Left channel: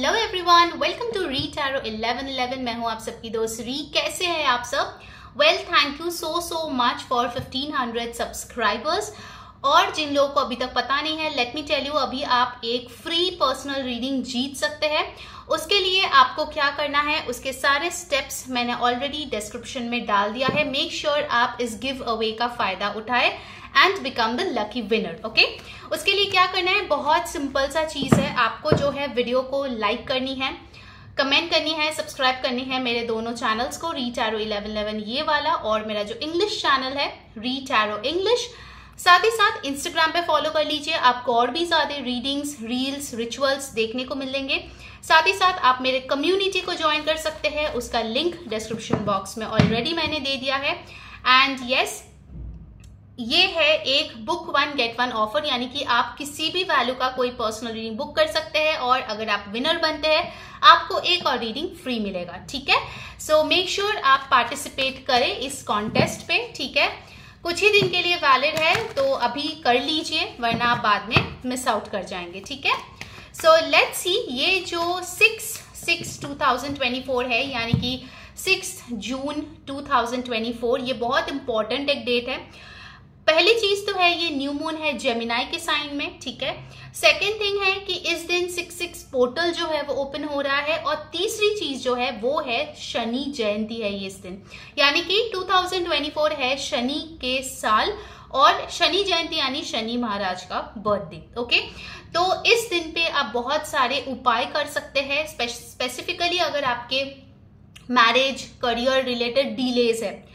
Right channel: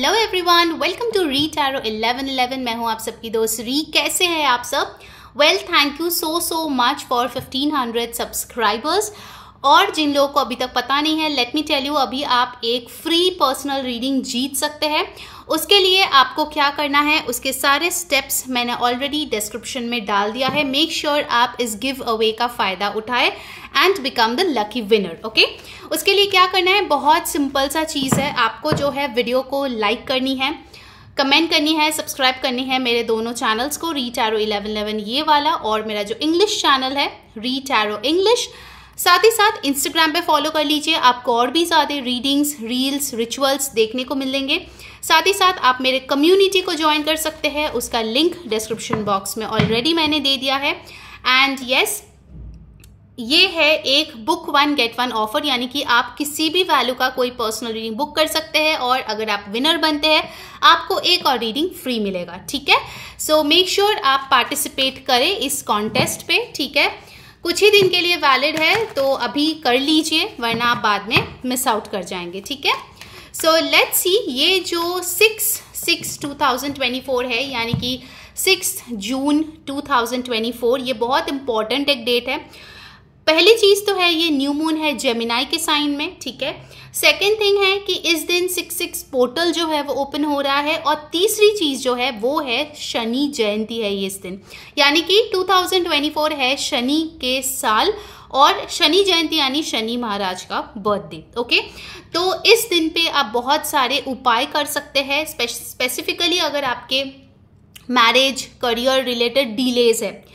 Hello everyone, welcome to re tarot 1111। मैं हूं आप सबकी दोस्त री। कैसे हैं आप सब? Well, thank you so much for 1500 subscribers. और जिन लोगों को अभी तक पता नहीं है, लेट मी टेल यू, अभी आप एक फ्री पर्सनल रीडिंग जीत सकते हैं। उसके लिए आपको क्या करना है, उसके सारे स्टेप्स मैंने ऑलरेडी डिस्क्रिप्शन में डाल दिया है। मेक श्योर आप इस गिव अवे का फायदा उठाए and become the lucky winner. Okay, उसके लिए क्या करना है, बहुत सिंपल सा चीज है। आपको जो है वीडियो को लाइक करनी है, कमेंट करनी है, सब्सक्राइब करनी है मेरे दोनों चैनल्स को, री टैरो 1111 ये वाला और मेरा जो इंग्लिश चैनल है री टैरो इंग्लिश। साथ ही साथ इंस्टाग्राम पे फॉलो कर लीजिए, आपको और भी ज्यादा रीडिंग्स, रील्स, रिचुअल्स देखने को मिलेंगे। साथ ही साथ आप मेरे कम्युनिटी को ज्वाइन कर सकते हैं, उसका लिंक डिस्क्रिप्शन बॉक्स में ऑलरेडी मैंने दे दिया है। एंड यस, ये है एक बुक 1 get 1 ऑफर, यानी कि आप किसी भी वैल्यू का कोई पर्सनल रीडिंग बुक कर सकते हैं और अगर आप विनर बनते हैं आपको एक और रीडिंग फ्री मिलेगा। ठीक है, सो मेक श्योर आप पार्टिसिपेट करें इस कॉन्टेस्ट पे। ठीक है, कुछ ही दिन के लिए वैलिड है, तो अभी कर लीजिए वरना आप बाद में मिस आउट कर जाएंगे। ठीक है, सो लेट्स सी, ये जो 6/6/2024 है, यानी कि 6 जून 2024, ये बहुत इंपॉर्टेंट एक डेट है। पहली चीज तो है, ये न्यू मून है जेमिनाई के साइन में। ठीक है, सेकेंड थिंग है कि इस दिन 6/6 पोर्टल जो है वो ओपन हो रहा है। और तीसरी चीज जो है वो है शनि जयंती है ये इस दिन, यानी कि 2024 है शनि के साल और शनि जयंती यानी शनि महाराज का बर्थडे। ओके, तो इस दिन पे आप बहुत सारे उपाय कर सकते हैं। स्पेसिफिकली अगर आपके मैरिज, करियर रिलेटेड डिलेज है,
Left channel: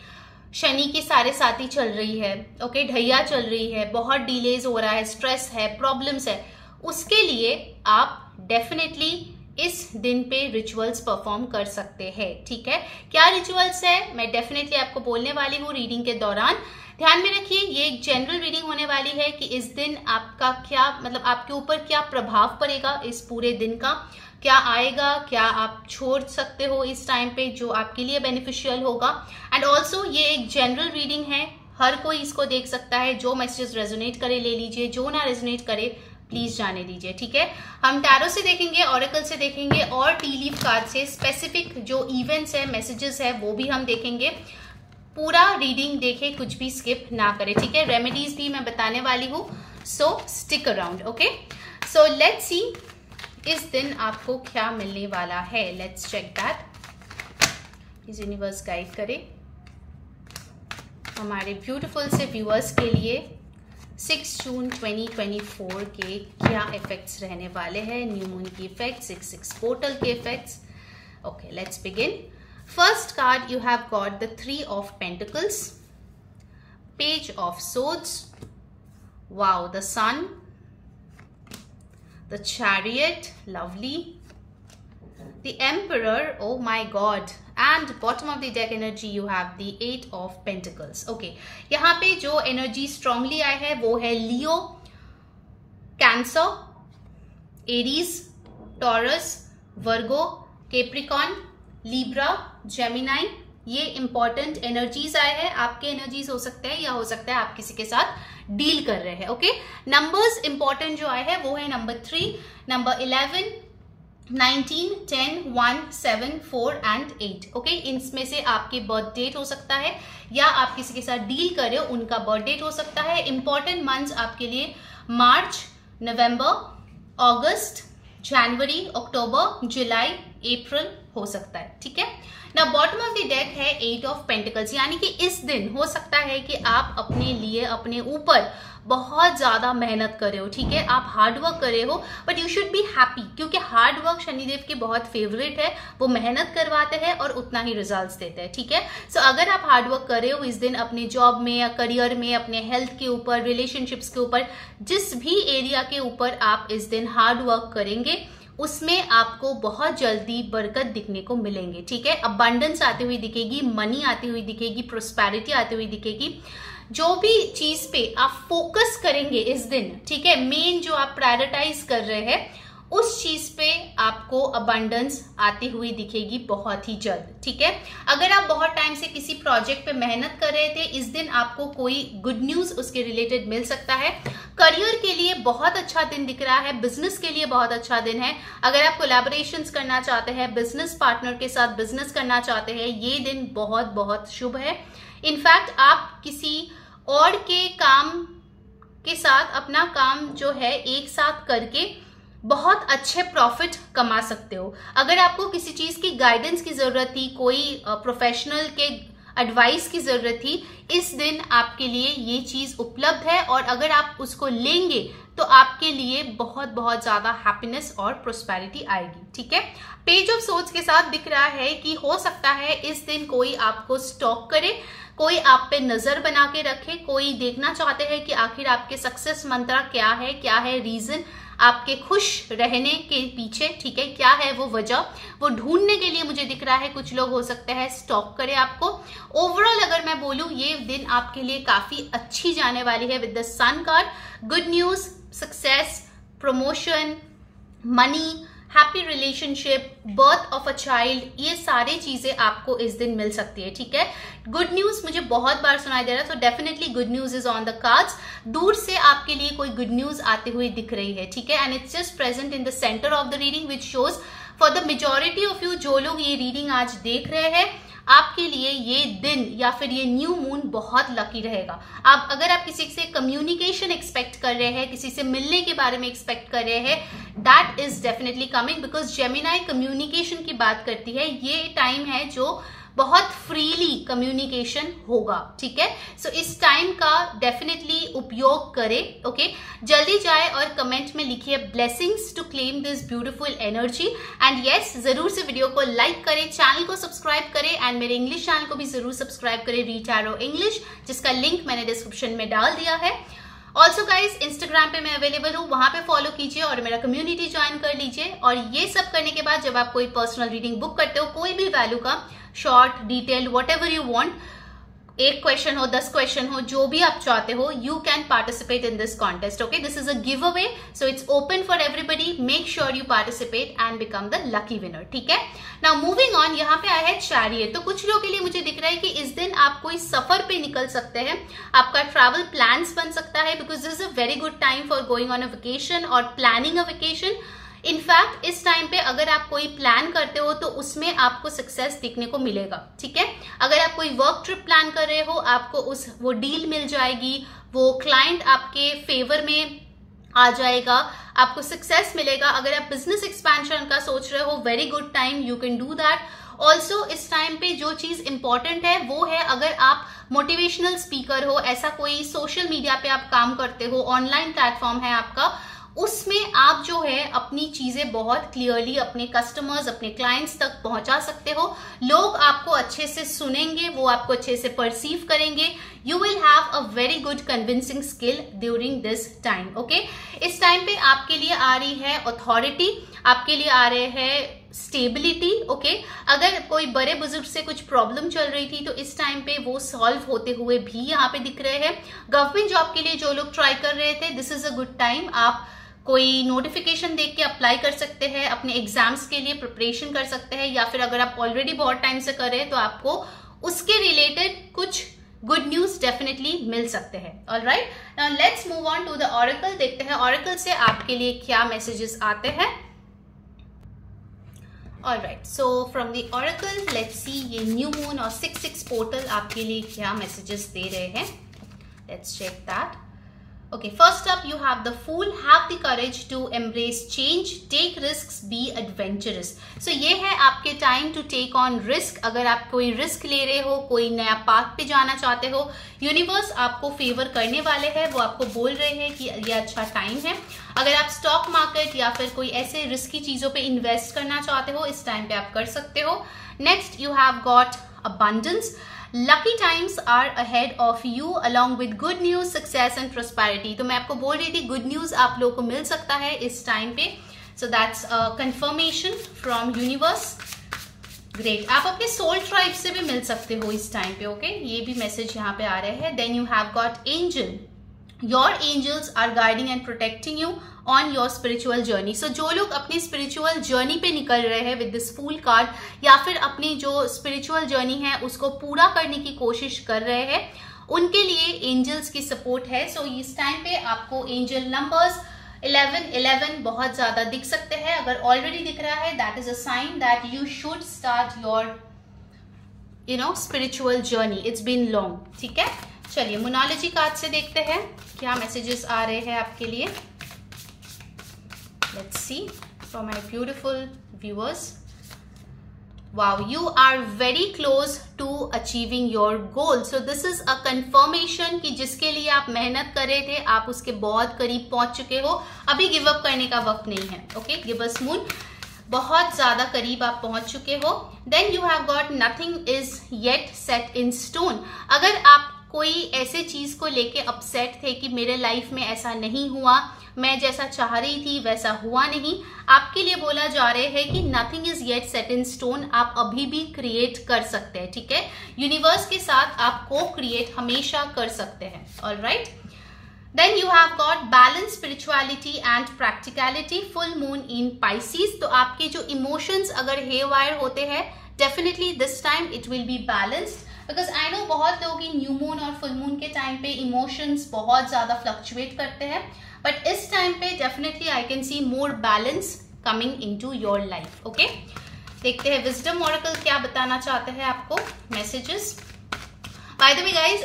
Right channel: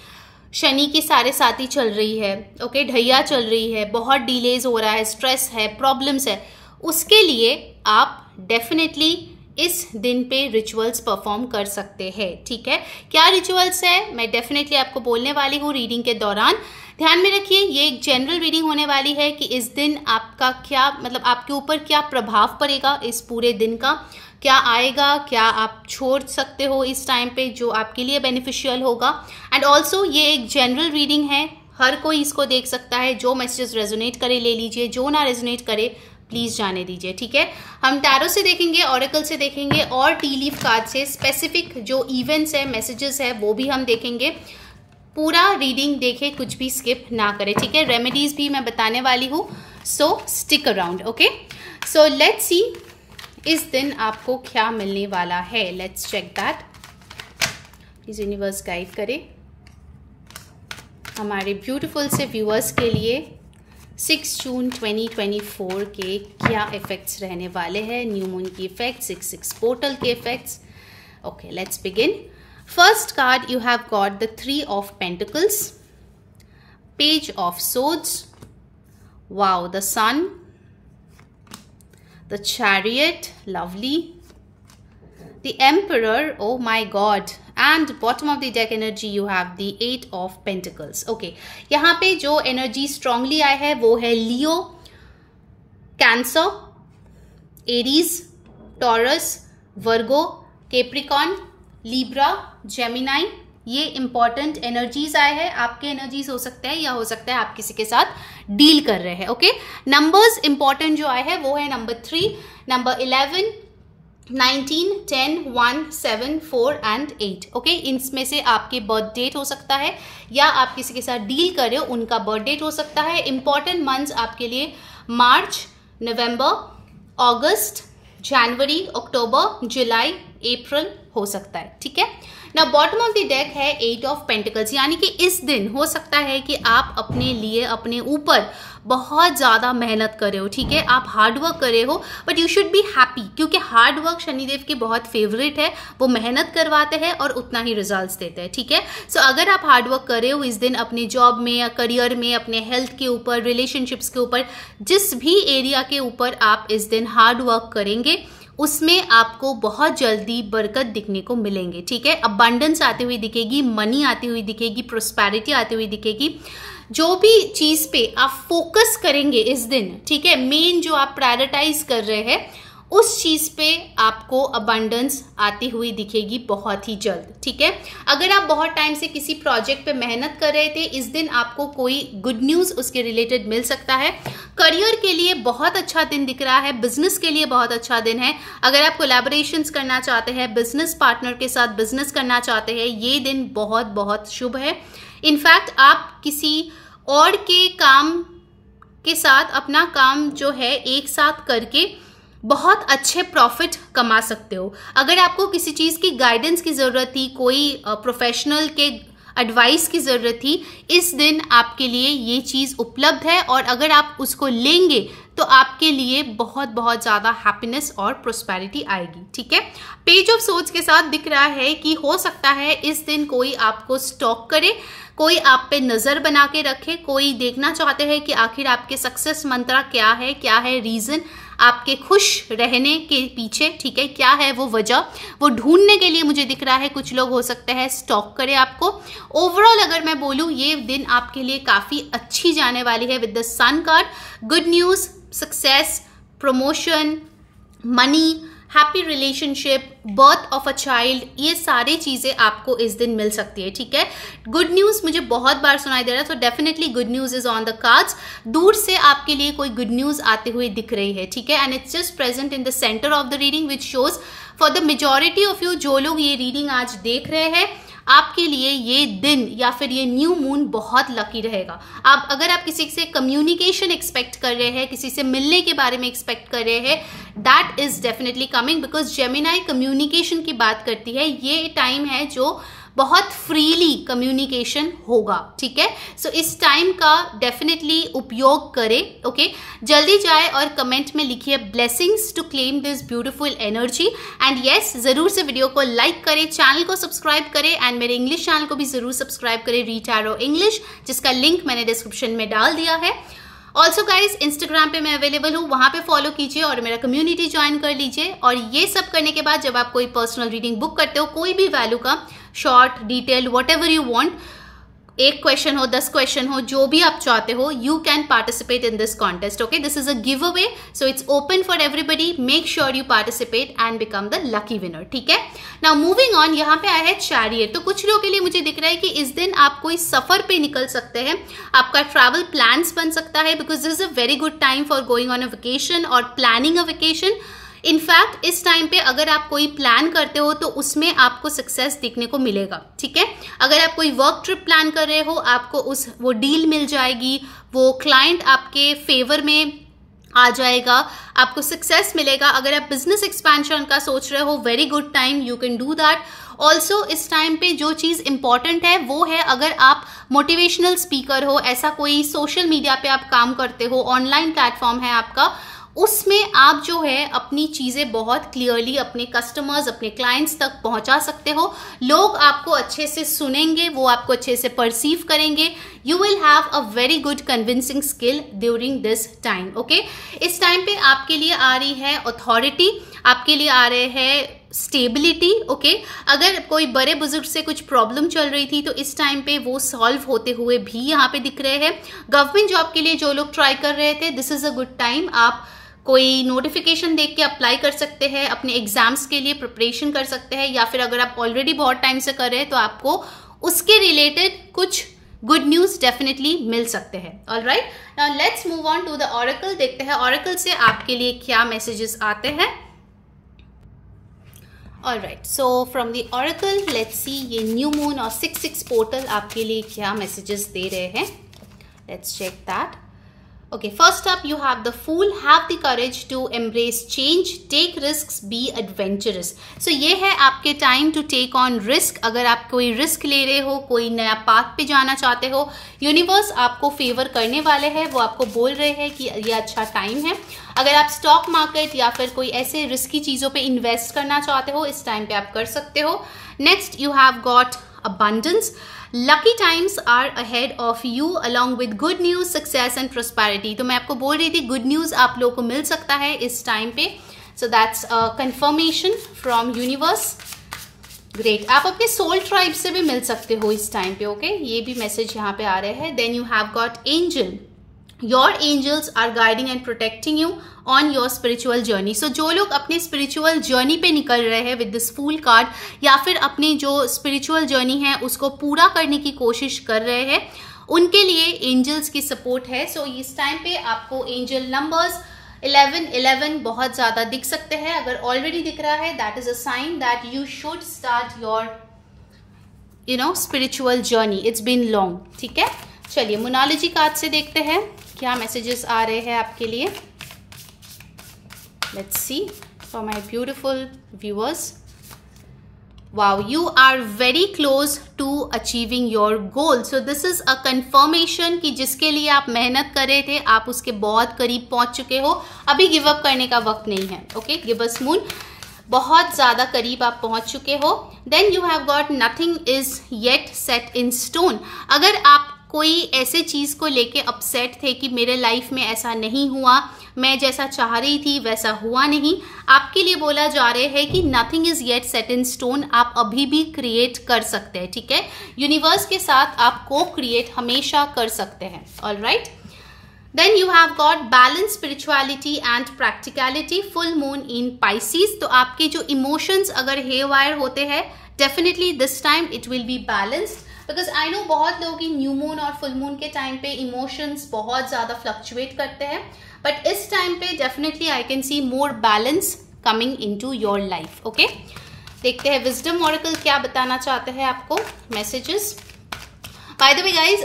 शनि की सारे साथी चल रही है, ओके, ढैया चल रही है, बहुत डिलेज हो रहा है, स्ट्रेस है, प्रॉब्लम्स है, उसके लिए आप डेफिनेटली इस दिन पे रिचुअल्स परफॉर्म कर सकते हैं। ठीक है, क्या रिचुअल्स है मैं डेफिनेटली आपको बोलने वाली हूँ रीडिंग के दौरान। ध्यान में रखिए, ये एक जनरल रीडिंग होने वाली है कि इस दिन आपका क्या, मतलब आपके ऊपर क्या प्रभाव पड़ेगा, इस पूरे दिन का क्या आएगा, क्या आप छोड़ सकते हो इस टाइम पे जो आपके लिए बेनिफिशियल होगा। एंड ऑल्सो ये एक जनरल रीडिंग है, हर कोई इसको देख सकता है। जो मैसेजेस रेजोनेट करे ले लीजिए, जो ना रेजोनेट करे प्लीज जाने दीजिए। ठीक है, हम टैरो से देखेंगे, ऑरेकल से देखेंगे और टी लीफ कार्ड से स्पेसिफिक जो इवेंट्स है, मैसेजेस है, वो भी हम देखेंगे। पूरा रीडिंग देखे, कुछ भी स्किप ना करे। ठीक है, रेमेडीज भी मैं बताने वाली हूँ, so stick around. Okay, so let's see इस दिन आपको क्या मिलने वाला है। Let's check that. Please universe guide करे हमारे ब्यूटीफुल से व्यूअर्स के लिए 6 जून 2024 के क्या इफेक्ट्स रहने वाले हैं। न्यू मून की इफेक्ट्स, 6/6 पोर्टल के effects. Okay, let's begin. First card you have got the 3 of Pentacles, Page of Swords, wow, the Sun, the Chariot, lovely, the Emperor, oh my god, and bottom of the deck energy you have the 8 of Pentacles. Okay, यहाँ पे जो energy strongly आया है वो है लियो, cancer, Aries, taurus, वर्गो, Capricorn, Libra, Gemini. ये important energies आए हैं। आपके एनर्जीज हो सकते हैं या हो सकता है आप किसी के साथ डील कर रहे हैं। ओके, नंबर्स इंपॉर्टेंट जो आए हैं वो है नंबर 3, नंबर 11, 19, 10, 1, 7, 4 एंड 8। ओके, इनमें से आपके बर्थ डेट हो सकता है या आप किसी के साथ डील कर रहे हो उनका बर्थ डेट हो सकता है। इंपॉर्टेंट मंथ्स आपके लिए मार्च, नवंबर, अगस्त, जनवरी, अक्टूबर, जुलाई, अप्रैल हो सकता है। ठीक है, ना बॉटम ऑफ द डेक है 8 of Pentacles, यानी कि इस दिन हो सकता है कि आप अपने लिए, अपने ऊपर बहुत ज्यादा मेहनत करे हो। ठीक है, आप हार्ड वर्क करे हो, but you should be happy, क्योंकि हार्ड वर्क शनिदेव के बहुत फेवरेट है। वो मेहनत करवाते हैं और उतना ही रिजल्ट्स देते हैं। ठीक है, सो अगर आप हार्ड वर्क करे हो इस दिन अपने जॉब में या करियर में, अपने हेल्थ के ऊपर, रिलेशनशिप्स के ऊपर, जिस भी एरिया के ऊपर आप इस दिन हार्ड वर्क करेंगे उसमें आपको बहुत जल्दी बरकत दिखने को मिलेंगे। ठीक है, अबंडेंस आती हुई दिखेगी, मनी आती हुई दिखेगी, प्रोस्पेरिटी आती हुई दिखेगी। जो भी चीज पे आप फोकस करेंगे इस दिन, ठीक है, मेन जो आप प्रायोरिटाइज कर रहे हैं उस चीज पे आपको अबंडेंस आती हुई दिखेगी बहुत ही जल्द, ठीक है। अगर आप बहुत टाइम से किसी प्रोजेक्ट पे मेहनत कर रहे थे, इस दिन आपको कोई गुड न्यूज उसके रिलेटेड मिल सकता है। करियर के लिए बहुत अच्छा दिन दिख रहा है, बिजनेस के लिए बहुत अच्छा दिन है। अगर आप कोलैबोरेशंस करना चाहते हैं, बिजनेस पार्टनर के साथ बिजनेस करना चाहते हैं, ये दिन बहुत बहुत शुभ है। इनफैक्ट आप किसी और के काम के साथ अपना काम जो है एक साथ करके बहुत अच्छे प्रॉफिट कमा सकते हो। अगर आपको किसी चीज की गाइडेंस की जरूरत थी, कोई प्रोफेशनल के एडवाइस की जरूरत थी, इस दिन आपके लिए ये चीज उपलब्ध है और अगर आप उसको लेंगे तो आपके लिए बहुत बहुत ज्यादा हैप्पीनेस और प्रोस्पेरिटी आएगी, ठीक है। पेज ऑफ सोर्ड्स के साथ दिख रहा है कि हो सकता है इस दिन कोई आपको स्टॉक करे, कोई आप पे नजर बना के रखे, कोई देखना चाहते हैं कि आखिर आपके सक्सेस मंत्र क्या है रीजन आपके खुश रहने के पीछे, ठीक है, क्या है वो वजह, वो ढूंढने के लिए मुझे दिख रहा है कुछ लोग हो सकते हैं स्टॉक करे आपको। ओवरऑल अगर मैं बोलूं ये दिन आपके लिए काफी अच्छी जाने वाली है with the sun card. Good news, success, promotion, money, happy relationship, birth of a child, ये सारी चीजें आपको इस दिन मिल सकती है, ठीक है। गुड न्यूज मुझे बहुत बार सुनाई दे रहा है, तो definitely good news is on the cards. दूर से आपके लिए कोई गुड न्यूज आते हुए दिख रही है, ठीक है, and it's just present in the centre of the reading which shows for the majority of you, जो लोग ये रीडिंग आज देख रहे हैं, आपके लिए ये दिन या फिर ये न्यू मून बहुत लकी रहेगा। अगर आप किसी से कम्युनिकेशन एक्सपेक्ट कर रहे हैं, किसी से मिलने के बारे में एक्सपेक्ट कर रहे हैं, that is definitely coming, because Gemini communication की बात करती है। ये टाइम है जो बहुत फ्रीली कम्युनिकेशन होगा, ठीक है। सो इस टाइम का डेफिनेटली उपयोग करें, ओके। जल्दी जाए और कमेंट में लिखिए blessings to claim this beautiful energy and yes, जरूर से वीडियो को लाइक करें, चैनल को सब्सक्राइब करें एंड मेरे इंग्लिश चैनल को भी जरूर सब्सक्राइब करें, रीड टैरो इंग्लिश, जिसका लिंक मैंने डिस्क्रिप्शन में डाल दिया है। ऑल्सो गाइज इंस्टाग्राम पे मैं अवेलेबल हूँ, वहां पे फॉलो कीजिए और मेरा कम्युनिटी ज्वाइन कर लीजिए। और ये सब करने के बाद जब आप कोई पर्सनल रीडिंग बुक करते हो, कोई भी वैल्यू का, short, detail, what ever you want, 1 question हो, 10 क्वेश्चन हो, जो भी आप चाहते हो, you can participate in this contest, okay. This is a give away, so it's open for everybody. Make sure you participate and become the lucky winner, ठीक है। Now moving on, यहाँ पे आया है चैरियट। तो कुछ लोगों के लिए मुझे दिख रहा है कि इस दिन आप कोई सफर पे निकल सकते हैं, आपका ट्रैवल प्लान्स बन सकता है, because this is a very good time for going on a vacation और प्लानिंग अ वेकेशन। इनफैक्ट इस टाइम पे अगर आप कोई प्लान करते हो तो उसमें आपको सक्सेस देखने को मिलेगा, ठीक है। अगर आप कोई वर्क ट्रिप प्लान कर रहे हो, आपको वो डील मिल जाएगी, वो क्लाइंट आपके फेवर में आ जाएगा, आपको सक्सेस मिलेगा। अगर आप बिजनेस एक्सपेंशन का सोच रहे हो, very good time, you can do that. Also इस टाइम पे जो चीज इंपॉर्टेंट है वो है, अगर आप मोटिवेशनल स्पीकर हो, ऐसा कोई सोशल मीडिया पे आप काम करते हो, ऑनलाइन प्लेटफॉर्म है आपका, उसमें आप जो है अपनी चीजें बहुत क्लियरली अपने कस्टमर्स, अपने क्लाइंट्स तक पहुंचा सकते हो। लोग आपको अच्छे से सुनेंगे, वो आपको अच्छे से परसीव करेंगे। You will have a very good convincing skill during this time, okay. इस टाइम पे आपके लिए आ रही है अथॉरिटी, आपके लिए आ रहे हैं स्टेबिलिटी, ओके। अगर कोई बड़े बुजुर्ग से कुछ प्रॉब्लम चल रही थी तो इस टाइम पे वो सॉल्व होते हुए भी यहाँ पे दिख रहे हैं। गवर्नमेंट जॉब के लिए जो लोग ट्राई कर रहे थे, this is a good time. आप कोई नोटिफिकेशन देख के अप्लाई कर सकते हैं, अपने एग्जाम्स के लिए प्रिपरेशन कर सकते हैं, या फिर अगर आप ऑलरेडी बहुत टाइम से कर रहे हैं तो आपको उसके रिलेटेड कुछ गुड न्यूज डेफिनेटली मिल सकते हैं। Alright, now let's move on to the oracle. देखते हैं ऑरेकल से आपके लिए क्या मैसेजेस आते हैं। Alright, so from the oracle let's see ये न्यू मून और 6/6 पोर्टल आपके लिए क्या मैसेजेस दे रहे हैं। Let's check that. Okay, first up you have the Fool. Have the courage to embrace change, take risks, be adventurous. So ये है आपके time to take on risk. अगर आप कोई risk ले रहे हो, कोई नया path पे जाना चाहते हो, यूनिवर्स आपको फेवर करने वाले हैं, वो आपको बोल रहे हैं कि ये अच्छा टाइम है। अगर आप स्टॉक मार्केट या फिर कोई ऐसे रिस्की चीजों पे इन्वेस्ट करना चाहते हो, इस टाइम पे आप कर सकते हो। Next you have got abundance. Lucky times are ahead of you along with good news, success and prosperity. तो मैं आपको बोल रही थी गुड न्यूज आप लोगों को मिल सकता है इस टाइम पे। So that's a confirmation from universe. Great. आप अपने सोल ट्राइब से भी मिल सकते हो इस टाइम पे, ओके। ये भी मैसेज यहाँ पे आ रहे हैं। Then you have got angel. Your angels are guiding and protecting you on your spiritual journey. So जो लोग अपनी स्पिरिचुअल जर्नी पे निकल रहे हैं विद दिस फूल कार्ड, या फिर अपनी जो स्पिरिचुअल जर्नी है उसको पूरा करने की कोशिश कर रहे हैं, उनके लिए एंजल्स की सपोर्ट है। सो इस टाइम पे आपको एंजल नंबर्स 11 बहुत ज्यादा दिख सकते हैं। अगर ऑलरेडी दिख रहा है, that is a sign that you should start your spiritual journey. It's been long. ठीक है, चलिए मोनालॉजी कार्ड से देखते हैं क्या मैसेजेस आ रहे हैं आपके लिए। Let's see for my beautiful viewers. Wow, you are very close to achieving your goal. So this is a confirmation कि जिसके लिए आप मेहनत कर रहे थे, आप उसके बहुत करीब पहुंच चुके हो। अभी गिव अप करने का वक्त नहीं है। ओके, गिबस मून, बहुत ज्यादा करीब आप पहुंच चुके हो। Then you have got nothing is yet set in stone. अगर आप कोई ऐसे चीज को लेके अपसेट थे कि मेरे लाइफ में ऐसा नहीं हुआ, मैं जैसा चाह रही थी वैसा हुआ नहीं, आपके लिए बोला जा रहा है कि nothing is yet set in stone. आप अभी भी क्रिएट कर सकते हैं। ठीक है, यूनिवर्स के साथ आप को क्रिएट हमेशा कर सकते हैं। Alright, then you have got balance, spirituality and practicality, full moon in Pisces. तो आपके जो इमोशंस अगर हेयरवायर होते हैं, definitely this time it will be balanced. Because I know बहुत लोग न्यू मून और फुल मून के टाइम पे इमोशंस बहुत ज्यादा फ्लक्चुएट करते हैं, बट इस टाइम पे definitely I can see more balance coming into your life. Okay, देखते हैं विजडम ऑरेकल क्या बताना चाहते हैं आपको messages. By the way guys,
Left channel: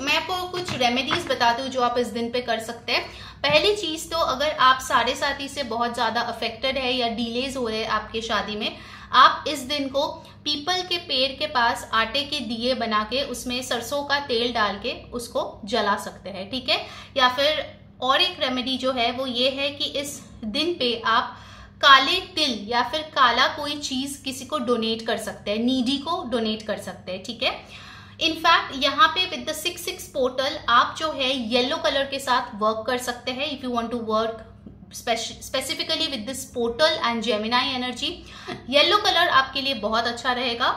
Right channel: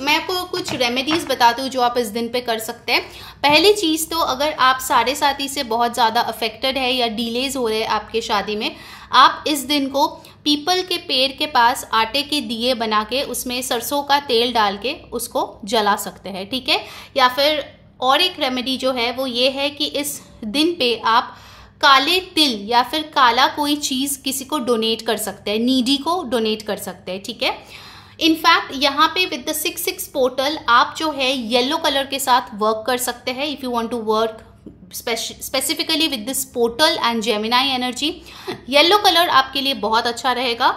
मैं आपको कुछ रेमेडीज बताती हूँ जो आप इस दिन पे कर सकते हैं। पहली चीज तो, अगर आप साढ़े साथी से बहुत ज्यादा अफेक्टेड है या डिलेज हो रहे हैं आपके शादी में, आप इस दिन को पीपल के पेड़ के पास आटे के दिए बना के उसमें सरसों का तेल डाल के उसको जला सकते हैं। ठीक है, या फिर और एक रेमेडी जो है वो ये है कि इस दिन पे आप काले तिल या फिर काला कोई चीज किसी को डोनेट कर सकते हैं, नीडी को डोनेट कर सकते हैं। ठीक है, इनफैक्ट यहाँ पे विद द 6/6 पोर्टल आप जो है येलो कलर के साथ वर्क कर सकते हैं। If you want to work specifically with this portal and Gemini energy, yellow colour आपके लिए बहुत अच्छा रहेगा।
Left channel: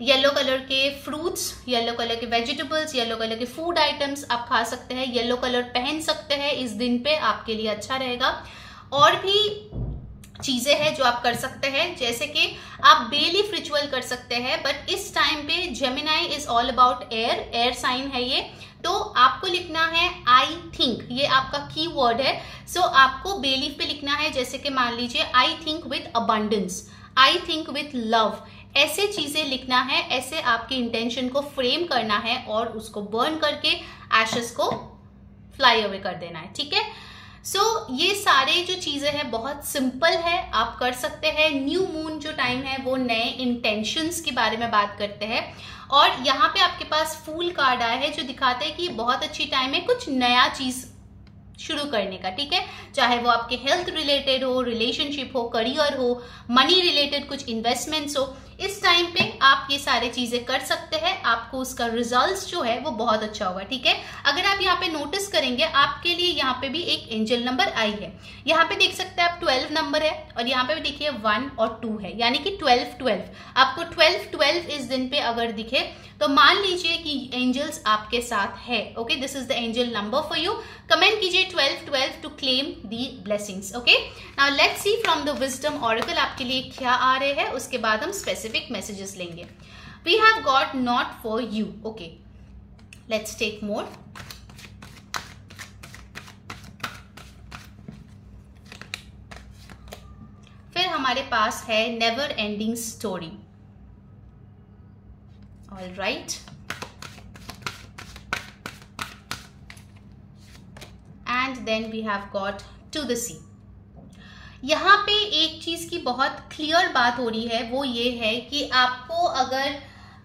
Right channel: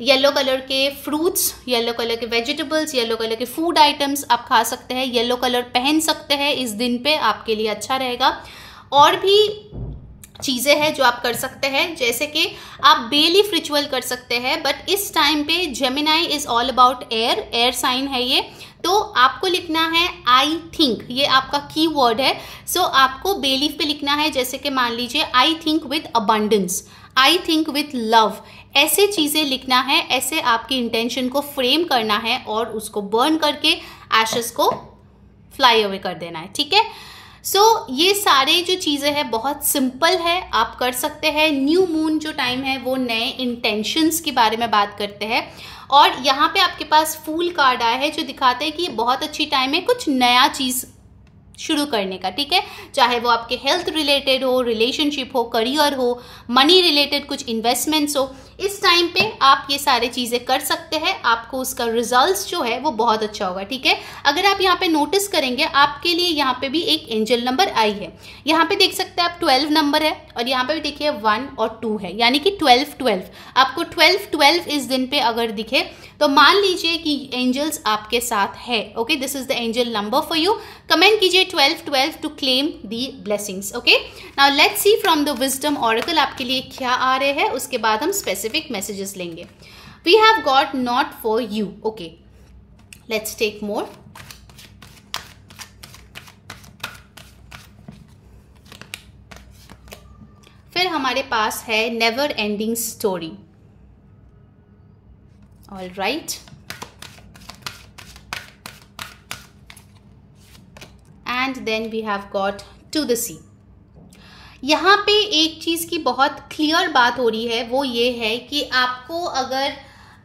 येलो कलर के फ्रूट्स, येलो कलर के वेजिटेबल्स, येलो कलर के फूड आइटम्स आप खा सकते हैं, येलो कलर पहन सकते हैं। इस दिन पे आपके लिए अच्छा रहेगा। और भी चीजें हैं जो आप कर सकते हैं, जैसे कि आप बेलीफ रिचुअल कर सकते हैं, बट इस टाइम पे Gemini is all about air sign है ये, तो आपको लिखना है आई थिंक, ये आपका की वर्ड है। सो आपको बेलीफ पे लिखना है, जैसे कि मान लीजिए I think with abundance, I think with love, ऐसे चीजें लिखना है, ऐसे आपकी इंटेंशन को फ्रेम करना है और उसको बर्न करके एशेस को फ्लाई अवे कर देना है। ठीक है, सो ये सारे जो चीजें हैं बहुत सिंपल है, आप कर सकते हैं। न्यू मून जो टाइम है वो नए इंटेंशंस के बारे में बात करते हैं, और यहाँ पे आपके पास फूल कार्ड आया है जो दिखाते हैं कि ये बहुत अच्छी टाइम है कुछ नया चीज शुरू करने का। ठीक है, चाहे वो आपके हेल्थ रिलेटेड हो, रिलेशनशिप हो, करियर हो, मनी रिलेटेड कुछ इन्वेस्टमेंट्स हो, इस टाइम पे आप ये सारी चीजें कर सकते हैं। आपको उसका रिजल्ट्स जो है वो बहुत अच्छा होगा। ठीक है, अगर आप यहाँ पे नोटिस करेंगे आपके लिए यहाँ पे भी एक एंजल नंबर आई है। यहाँ पे देख सकते हैं आप 12 नंबर है, और यहाँ पे भी देखिए 1 और 2 है, यानी कि 12 आपको 12 इस दिन पे अगर दिखे तो मान लीजिए कि एंजल्स आपके साथ है। Okay, this is the angel number for you. Comment कीजिए 12 to claim the blessings. Okay, now let's see from the wisdom oracle आपके लिए क्या आ रहे हैं, उसके बाद हम स्पेसिफिक मैसेजेस लेंगे। We have got not for you. Okay, let's take more. फिर हमारे पास है never ending story. All right, and then we have got to the sea. यहाँ पे एक चीज की बहुत क्लियर बात हो रही है, वो ये है कि आपको अगर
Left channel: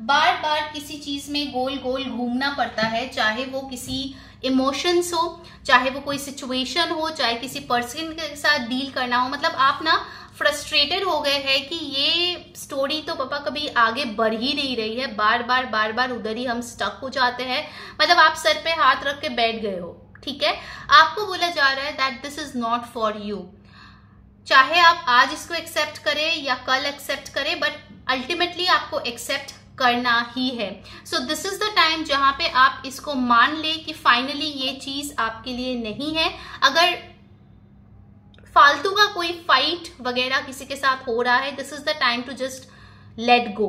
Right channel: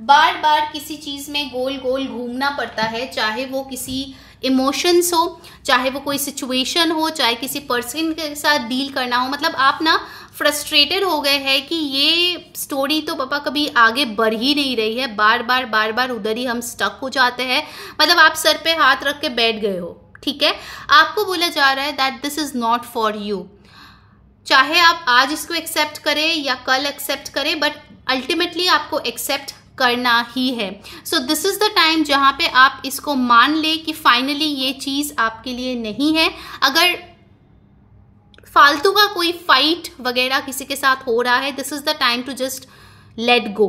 बार बार किसी चीज में गोल गोल घूमना पड़ता है, चाहे वो किसी इमोशंस हो, चाहे वो कोई सिचुएशन हो, चाहे किसी पर्सन के साथ डील करना हो, मतलब आप ना फ्रस्ट्रेटेड हो गए हैं कि ये स्टोरी तो पापा कभी आगे बढ़ ही नहीं रही है, बार बार उधर ही हम स्टक हो जाते हैं, मतलब आप सर पे हाथ रख के बैठ गए हो। ठीक है, आपको बोला जा रहा है that this is not for you. चाहे आप आज इसको एक्सेप्ट करें या कल एक्सेप्ट करें, बट अल्टीमेटली आपको एक्सेप्ट करना ही है। So this is the time जहां पे आप इसको मान ले कि फाइनली ये चीज आपके लिए नहीं है। अगर फालतू का कोई फाइट वगैरह किसी के साथ हो रहा है, this is the time to just let go.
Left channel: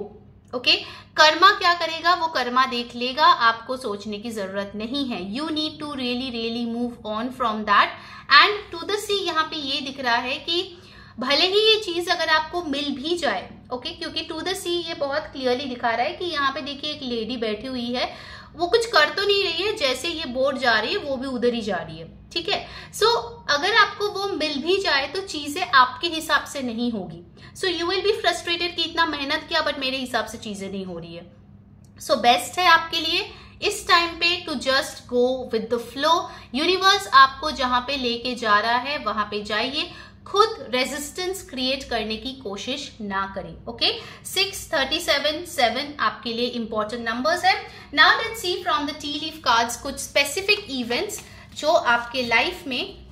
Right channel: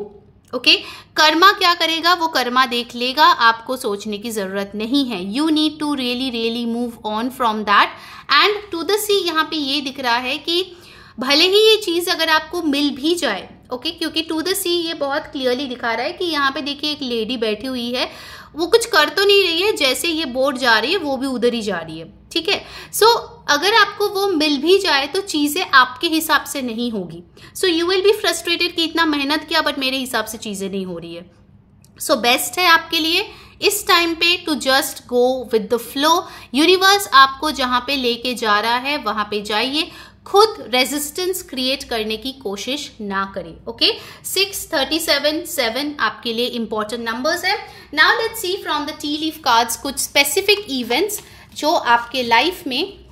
Okay, karma क्या करेगा वो कर्मा देख लेगा, आपको सोचने की जरूरत नहीं है। You need to really really move on from that. And to the see यहाँ पे ये दिख रहा है कि भले ही ये चीज अगर आपको मिल भी जाए, ओके, क्योंकि टू द सी ये बहुत क्लियरली दिखा रहा है कि यहाँ पे देखिए एक लेडी बैठी हुई है, वो कुछ कर तो नहीं रही है, जैसे ये बोट जा रही है वो भी उधर ही जा रही है, ठीक है। सो अगर आपको वो मिल भी जाए तो चीजें आपके हिसाब से नहीं होगी। So you will be frustrated कि इतना मेहनत किया बट मेरे हिसाब से चीजें नहीं हो रही है। सो बेस्ट है आपके लिए इस टाइम पे to just go with the flow. Universe आपको जहां पे लेके जा रहा है वहां पे जाइए, खुद रेजिस्टेंस क्रिएट करने की कोशिश ना करें। ओके, 6, 37, 7 आपके लिए इंपॉर्टेंट नंबर्स है। Now let's see from the T leaf cards कुछ स्पेसिफिक इवेंट्स जो आपके लाइफ में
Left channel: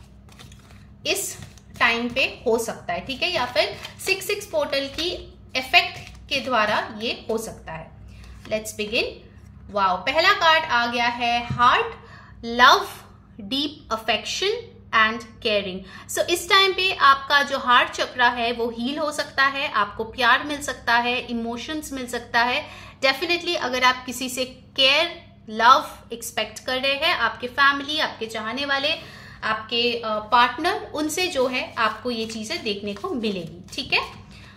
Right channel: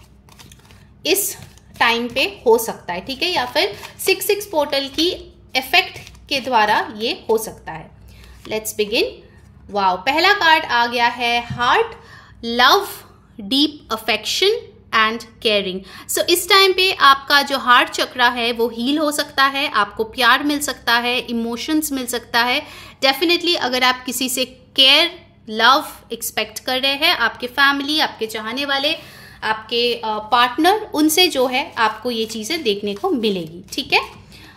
इस टाइम पे हो सकता है, ठीक है, या फिर 6-6 पोर्टल की इफेक्ट के द्वारा ये हो सकता है। Let's begin. वाओ, पहला कार्ड आ गया है heart, love, deep affection and caring. So इस टाइम पे आपका जो हार्ट चक्रा है वो हील हो सकता है, आपको प्यार मिल सकता है, इमोशंस मिल सकता है। डेफिनेटली अगर आप किसी से केयर, लव एक्सपेक्ट कर रहे हैं, आपके फैमिली, आपके चाहने वाले, आपके पार्टनर, उनसे जो है आपको ये चीजें देखने को मिलेगी, ठीक है।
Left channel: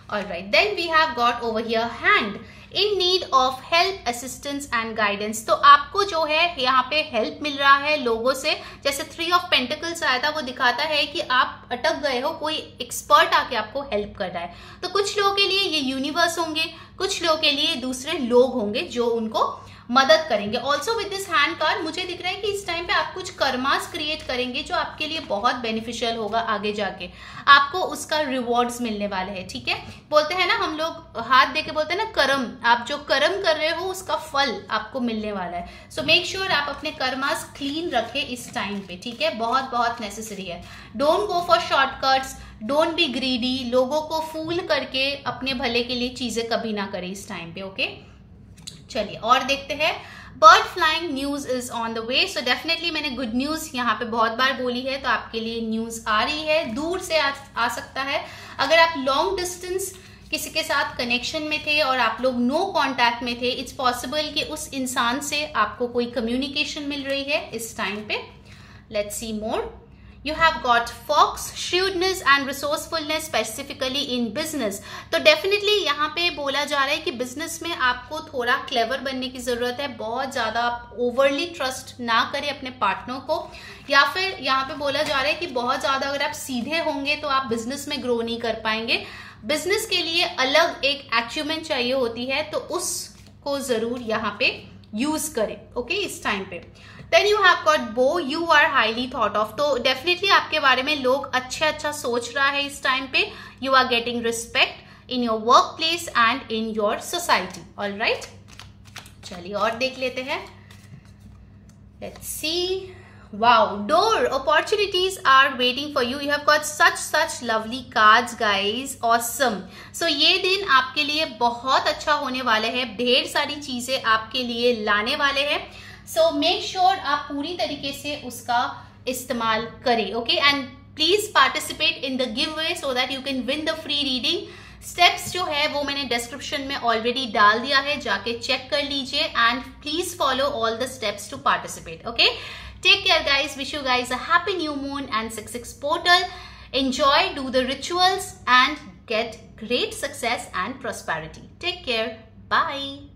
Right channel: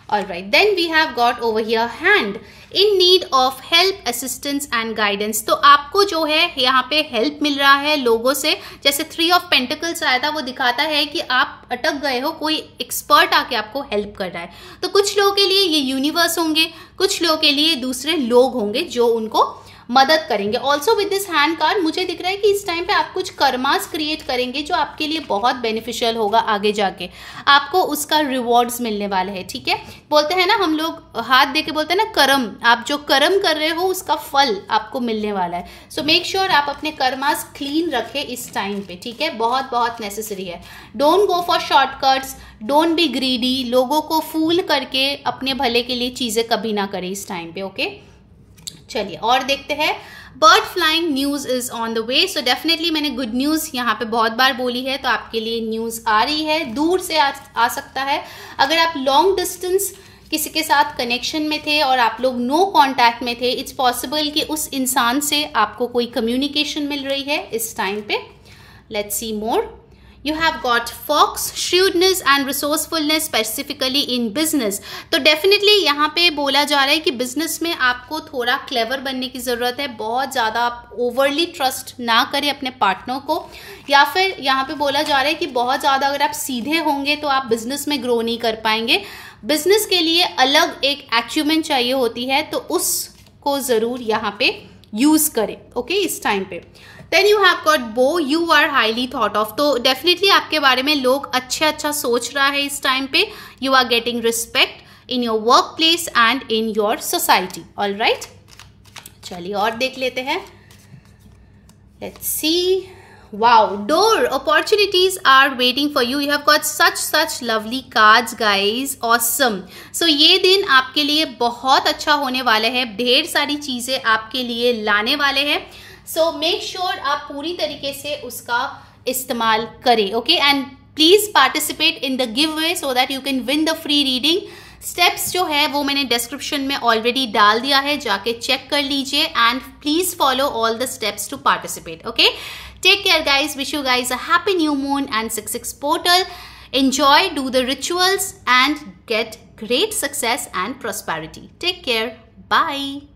Alright, then we have got over here hand, in need of help, assistance and guidance। तो आपको जो है यहाँ पे हेल्प मिल रहा है लोगों से, जैसे 3 ऑफ पेंटिकल्स आया था वो दिखाता है कि आप अटक गए हो, कोई एक्सपर्ट आके आपको हेल्प कर रहा है। तो कुछ लोगों के लिए ये यूनिवर्स होंगे, कुछ लोगों के लिए दूसरे लोग होंगे जो उनको मदद करेंगे। Also with this hand card मुझे दिख रहा है कि इस टाइम पे आप कुछ कर्मास क्रिएट करेंगे जो आपके लिए बहुत बेनिफिशियल होगा आगे जाके, आपको उसका रिवॉर्ड्स मिलने वाले हैं, ठीक है। बोलते हैं ना हम लोग, हाथ दे के बोलते हैं ना कर्म, आप जो कर्म कर रहे हो उसका फल आपको मिलने वाला है। सो मेक श्योर आप अपने कर्मास क्लीन रखें इस टाइम पे, ठीक है, बहुत बहुत नेसेसरी है। Don't go for shortcuts, don't be greedy, लोगों को फूल करके अपने भले के लिए चीजें कभी ना करें इस टाइम पे। ओके, चलिए और देखते हैं। Bird flying news is on the way. So definitely मैंने गुड न्यूज यहाँ पे बहुत बार बोली है, तो आपके लिए न्यूज आ रही है, दूर से आ सकता है। अगर आप लॉन्ग डिस्टेंस किसी के साथ कनेक्शन में थे और आप लोग नो कांटेक्ट में थे, इट्स पॉसिबल कि उस इंसान से आपको कोई कम्युनिकेशन मिल रही है इस टाइम पे। Let's see more. You have got fox, shrewdness and resourcefulness specifically in business। तो डेफिनेटली यहाँ पे बोला जा रहा है कि बिजनेस में आपको थोड़ा क्लेवर बनने की जरूरत है। बहुत ज्यादा आप ओवरली ट्रस्ट ना करें अपने पार्टनर को, या फिर यहाँ पे बोला जा रहा है कि बहुत ज्यादा अगर आप सीधे होंगे तो आप बिजनेस में ग्रो नहीं कर पाएंगे। बिजनेस के लिए अलग एक अचीवमेंट चाहिए होती है, तो उसको जरूर यहाँ पे यूज करें। ओके, इस टाइम पे। Then you have got bow, you are highly thought of. तो डेफिनेटली आपके बारे में लोग अच्छा सोच रहा है इस टाइम पे। You are getting respect in your work place and in your society. All right, चलिए और देख लेते हैं। Let's see. Wow, door opportunities are waiting for you. You have got such lovely cards, guys. Awesome. So ये दिन आपके लिए बहुत अच्छा होने वाला है, ढेर सारी चीजें आपके लिए लाने वाले हैं। So make sure आप पूरी तरीके से उसका इस्तेमाल करें, okay? And please participate in the giveaway so that you can win the free reading. Steps जो है वो मैंने डिस्क्रिप्शन में ऑलरेडी डाल दिया है, जाके चेक कर लीजिए and please follow all the steps to participate. Okay, take care guys, wish you guys a happy new moon and 6/6 portal. Enjoy, do the rituals and get great success and prosperity. Take care. Bye.